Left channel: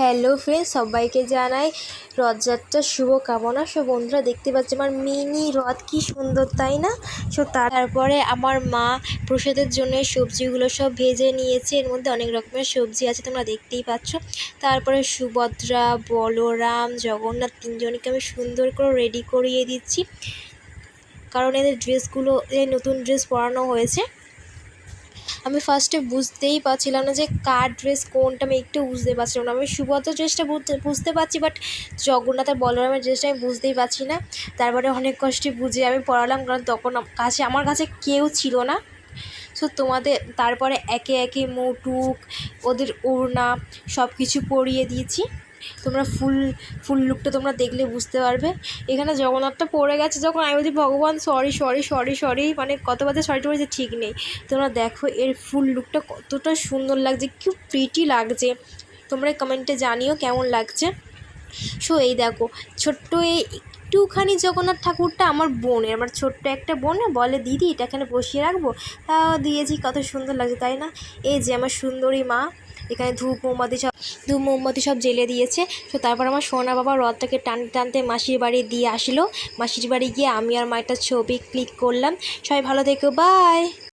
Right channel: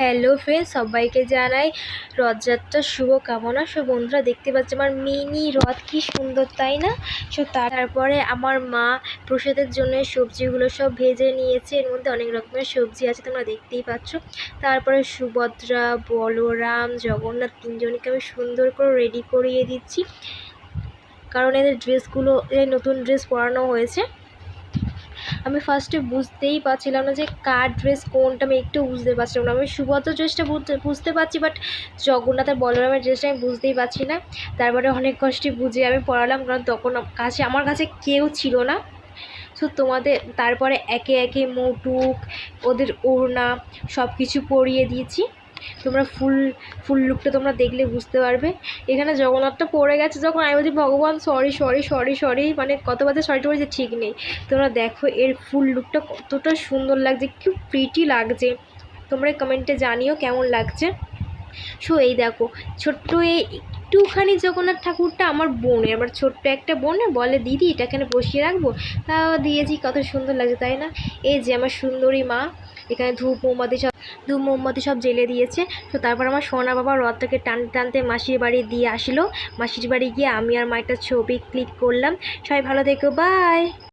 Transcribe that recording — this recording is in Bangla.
হ্যালো ফ্রেন্ডস, সবাইকে জানাই রথযাত্রার শুভকামনা। সব বন্ধুরা দেখতে পাচ্ছ আমার মিনি রথ, কি সুন্দর তাই না? তারপরে আমার মা প্রসাদের জন্য সবজিগুলো সব ভেজে নিয়েছে। এর মধ্যে অনেক রকমের সবজি আছে, তোমরা দেখতেই পাচ্ছ। তারপরে সুভদ্রা, বলরাম, জগন্নাথ তিনজনকে আমি সুন্দর করে রেডি করিয়ে দিচ্ছি, কারণ এদের ড্রেসগুলো নতুন ড্রেস পরানো হয়েছে। আমি ফার্স্টে বুঝতেই পারছিলাম না যে কার ড্রেস কোনটা, আমি একটু বুঝতে পারছিলাম না। আমি সুভদ্রার ড্রেসটা বুঝতে পারছি, বাট জগন্নাথের বলরামের ড্রেসটা আমি বুঝতেই পারছি না। তারপরে অনেক কষ্টে বুঝে আমি পড়ালাম, কারণ তখন আমার কাছে কেউ ছিল না। সো তোমাদের তারপরে একে একে মুটুক, ওদের ওড়না সব কিছু পরিয়ে দিয়েছি। তোমরা ফুল লুকটা তোমরা দেখলে বুঝতে পারবে। এখানে জগন্নাথটা পড়ে গেছে যখন আমি বলছি ভগবান সরি সরি সরি সরি, মানে কতবার সরিটা বলেছে ঠিক নেই। তোমরা দেখো এর ফুল লুকটা কতটা সুন্দর লাগছে, কি প্রিটি লাগছে। তোমরা কমেন্টে জানিও কেমন লাগছে। সো এই দেখো ছোট্ট একটুখানি জগন্নাথ ঠাকুরটা আমার বোনের, আমার ছোট্ট একটা বোন বলে দিদি এটা এখানে বসিয়ে রাখবো, তাও দিয়েছি। কত সুন্দর লাগছে তাই না? এই যে আমার সুন্দরী মা এখানে ধূপ মোমবাতি সব জ্বেলে দিয়েছে। তো তারপর আমার সোনা বাবা রথটাকে টানতে টানতে মাসির বাড়ি দিয়ে আসলো। মাসির বাড়ি গিয়ে আমি আর মা একটা ছবি ক্লিক করলাম। সবাই ভালো থেকো, বাই।